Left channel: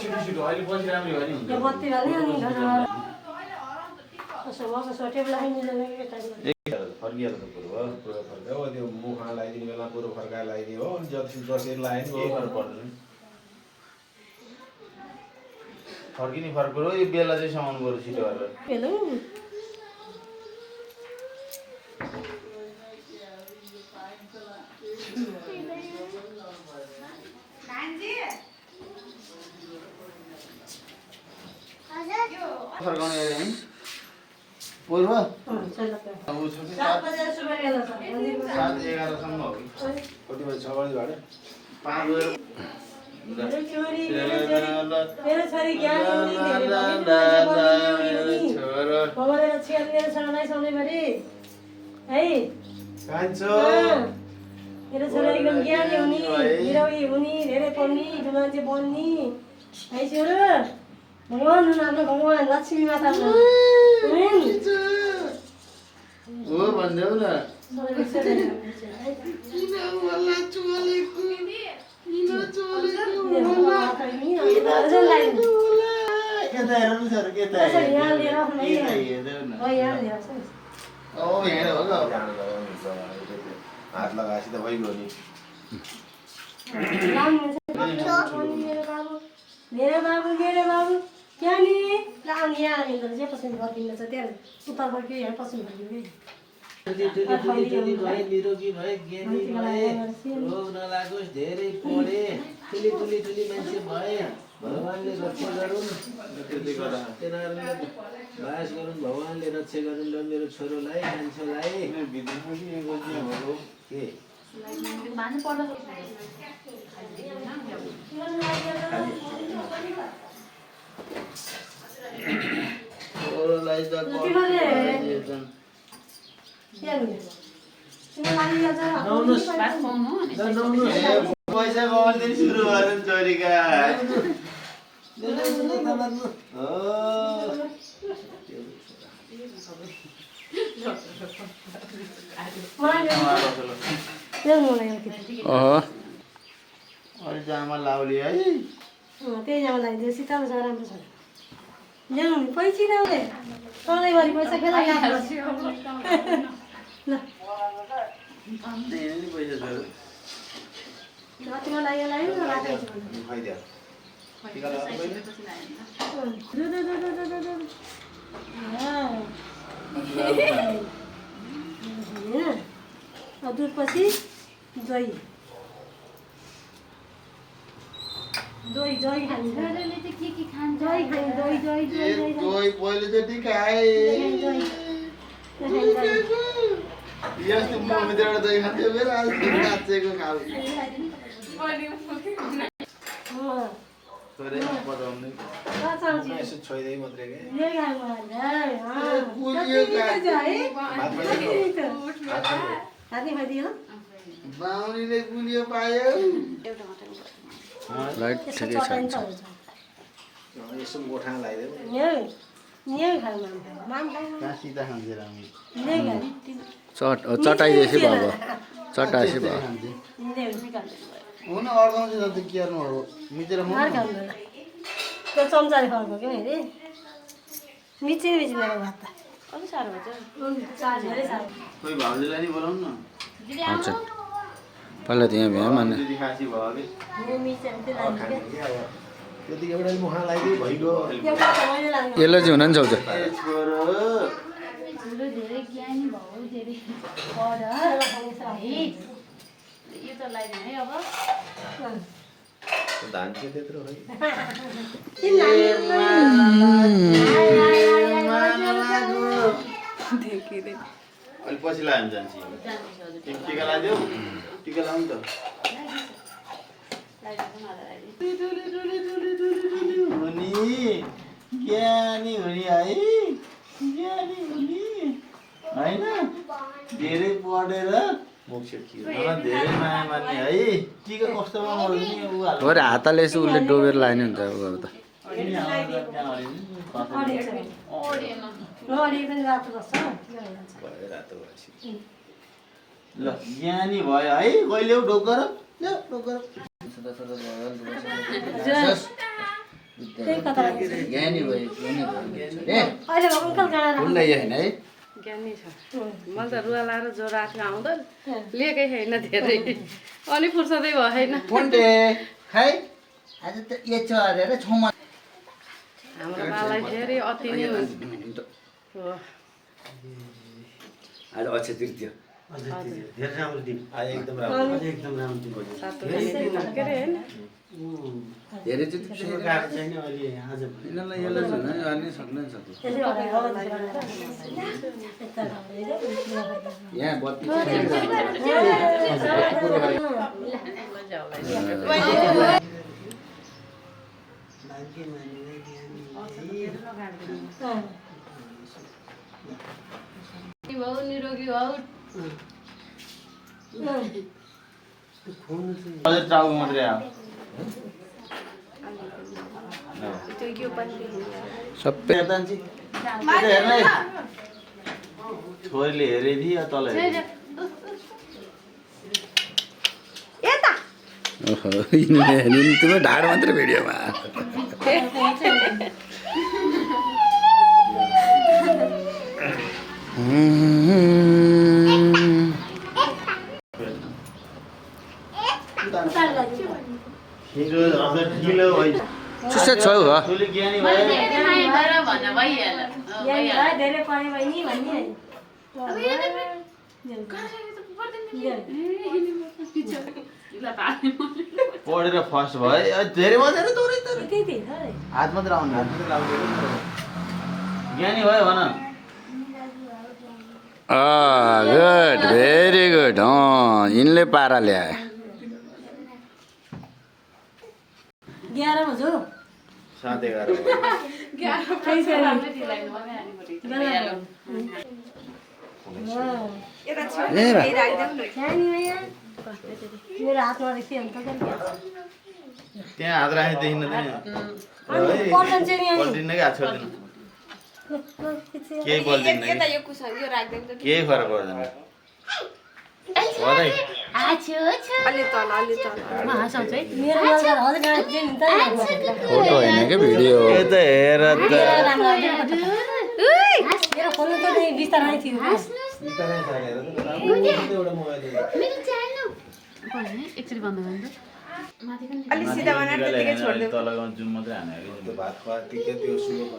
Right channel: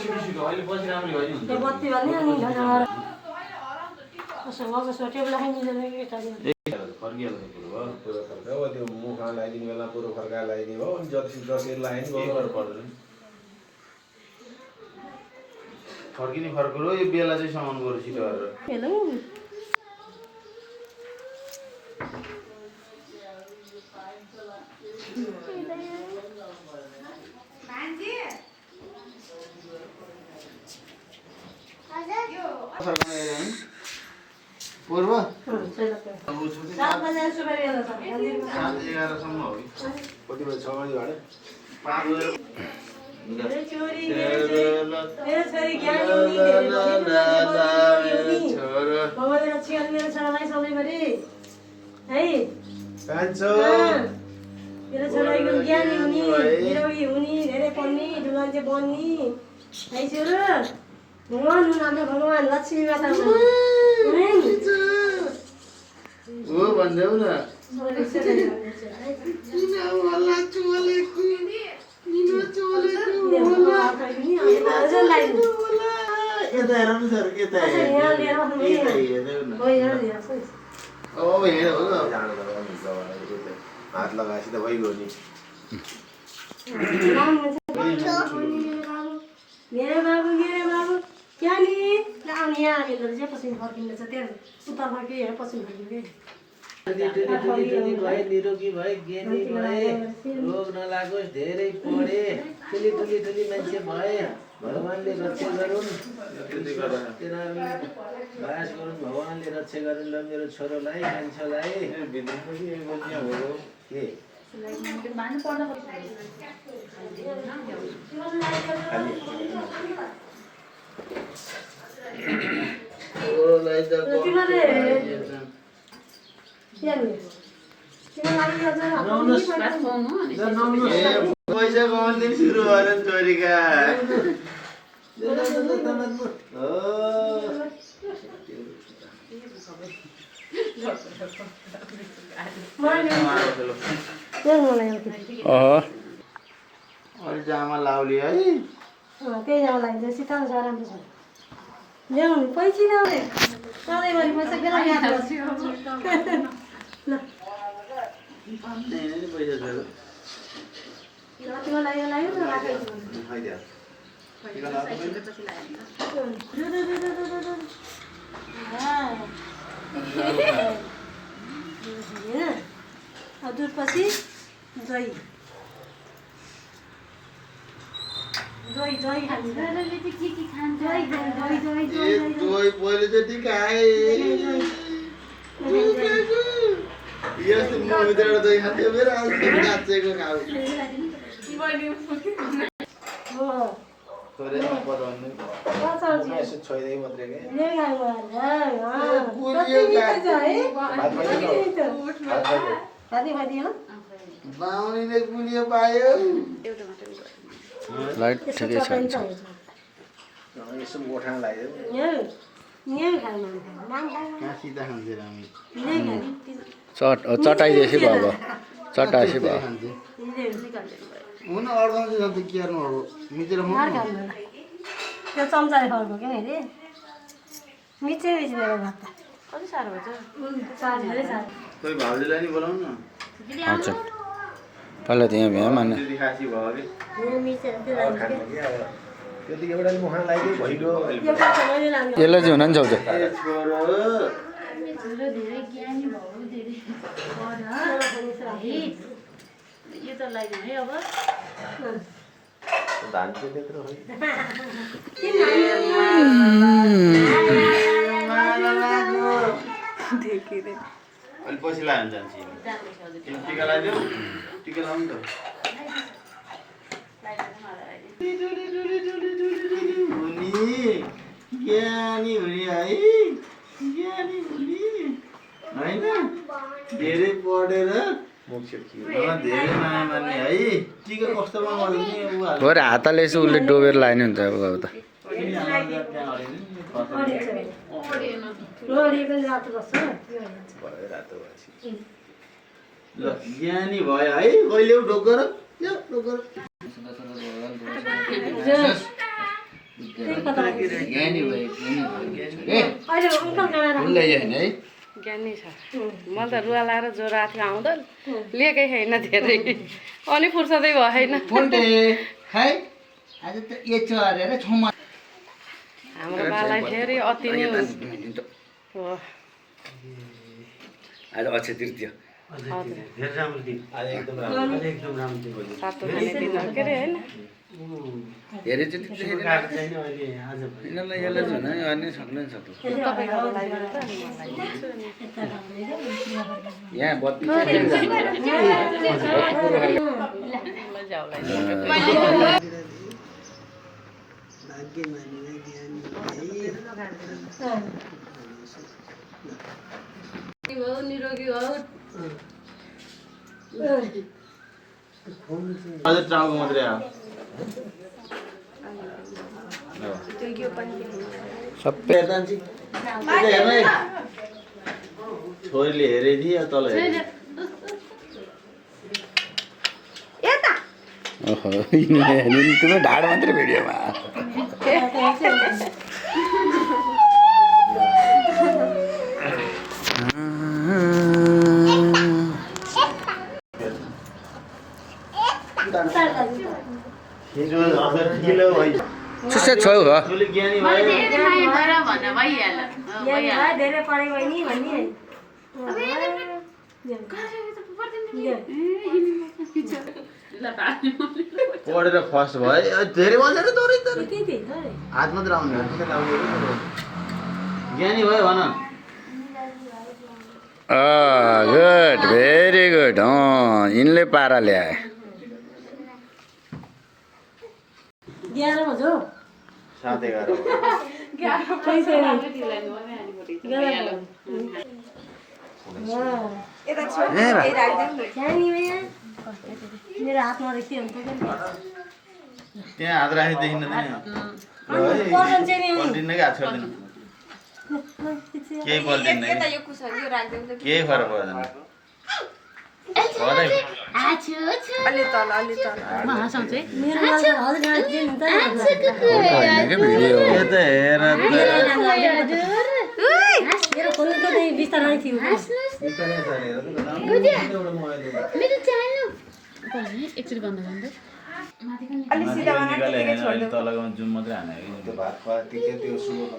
छिटो अहिले पछि राम्रो भयो नि त्यो बत्ती भने अनि घरमा कसो मको सोटेबला मिलेन केटा फर्किहाल्छ पुरो हो पुरो फर्का हो त्यो मुखमा लगाइदिने बेला पुरो फर्काएर लगाइदियो हो अनि जसरी लगायो नि केही पर्दैन फर्किने फर्क हो यो बेला चाहिँ समाउनु पर्यो छिटो गरेर हेलो फर्काउनु हेऱ्यो नि पूर्व 7 बजे सुबह गेलो छ 7-11 हो कि कति बजी 6 बजी भाडा 5 बजे मेरो छोरी ज्ञानी हुने धेरै छोरा भगवान छिया मेरो छोरालाई सधैँभरि है कान्छो मेरो छोरा एकदम ज्ञानी हुने निरौगी हुने धेरै पढ्ने ठुलो मान्छे बन्ने है छोरा भगवान हुनु आफ्नो भगवान लक्ष्मी माता हुनु हो भन्देऊ न किन होला चोलेको किन चोलेको यता हेर न सर यता हेर ओ हेर हो ल हात लगाएपछि त भइगयो नि मेरो बाबु क्या नि आउने यहाँ मिल्दो चाहिँ पसिन फर्किँदैछ त्यहाँ उता फर्क्यो यहाँ पसिन फर्कियो निरोगी भए ज्ञानी भए रोग नलागोस् धेरै पढे ठुली मान्छे भए भगवानले रक्षा गरून् तिनीहरूले बास गरून् भगवानले रक्षा गरून् ल मेरो छोरोलाई मान्छेलाई के ओलाई त पैसा कमाउने सुरु भयो नि छोरीका अलि जामा लाउली है त्यही जामा लगाइदियो सितामा छ राम्रो छ ल्याउनु पैसा ल्याउने सधैँभरि पैसा खेला याद गर्छु पैसा छोरो जतिमा लाग्यो लाग्यो राखेको दुध पछि दही खान्छ पहिलोचोटि खाए यस्तो मुखभित्रबाट दही खान्थ्यो मेरो आज नाचेको खाऊ यसो छोइदिए मात्रै के बाहुनीले गुलियो पायो लाइट ठिकै छ यसो गोठा लगाइदियो कहाँ सिधा खान्छ रामी चटाइदिएपछि भयो अब चटाएपछि भयो हुन अड्काउँछ त के गर्नु मिचेर त्यो चम्चाले फर्को क्या अरे मिचेर मेरो भात त अलि साह्रो भएछ धेरै साह्रो खोइ भाउजूलाई नि बोलाउनु न हजुर पहिला त्यहाँ भ्याम अनि खासी भयो कि मिचेर त्यो लाग्यो त्यति एउटा मुखमा लगाइदियो भइगयो यसलाई चाहिँ हुन नि छाउँछ धेरै ज्ञानी भयो धेरै पढ यो त लगाइदिउँ है अब धान चाहिँ त्यत्रो हो अलि पछि लाग्यो भने जान्छ टिका लाग्यो टिका लाउनु त हुने ज्ञानी हुने है ज्ञानी हुने होइन धेरै पढेर धेरै माया मान्ने है टिका कस्तोमा मर्ने भरे हातले यसो उसले डोबेर लाने हुन्छ अब त ल ज्ञानी भयो है कहिले ढोक गर त्यही कता ज्ञानी भयो अहिले अङ्कल गएर फुल्दै होइन है ज्ञानी छ मैले त रुवा लाएर ज्वरो आएको थियो आउँदा लिएकै छैन धेरै अनि फुर्सदै भएन फोन्टे खै आज त यो छ अरे छौमा हाम्रो बालाई फेरि अति नै हो आज अक्षय तृतीय धेरै राम्रो दिन आज एकदम राम्रो सातो खाने दिन हो के अरे होइन धेरै चाहिँ काट छैन अहिले आज यिनीहरूलाई यसलाई जुन गर्ने सक्दैन सक्नु यहाँ बत्ती निरोगी हो अझै टाउको मात्रै आयो सबै हेर्ने छोरीले हेरे थिए तल हेरे ओहो तिम्रो ढाड मात्रै भिडियोमा सुस्या छौ हो छोरी ज्ञानी मैले भयो धेरै माया भएर भन्दा भइहाल्यो धेरै पढे बहिनी भन्ने पढेर फर्स्ट भयो धेरै मजा दौडै त त्यही हात मात्र आउने ज्ञानी भयो भन गुड भेरी गुड यिनले पारा ल्याए 11 बज्यो 7:11 त्यही छ नि मेरो हातमा रहेछ अन्त त्यहाँ हात राखेर देखिन पर्दैन चाहिँ नि पल्टिन्न कि हात छोड्दैन केही पल्टिन्न केही फरक पर्दैन म हँसाउँछु है मेरो यादगार हजुर यहाँ चाहिँ नि त फोटो होइन क्या भिडियो ए त हेर त मेरो फोन त बिस्तारै थियो एकचोटि बन्द गर्नु अलि सिधा बनाएर त्यतिकै छोड्दियो तलको जुम मात्रै हाने भात खुवा त्यो शुभ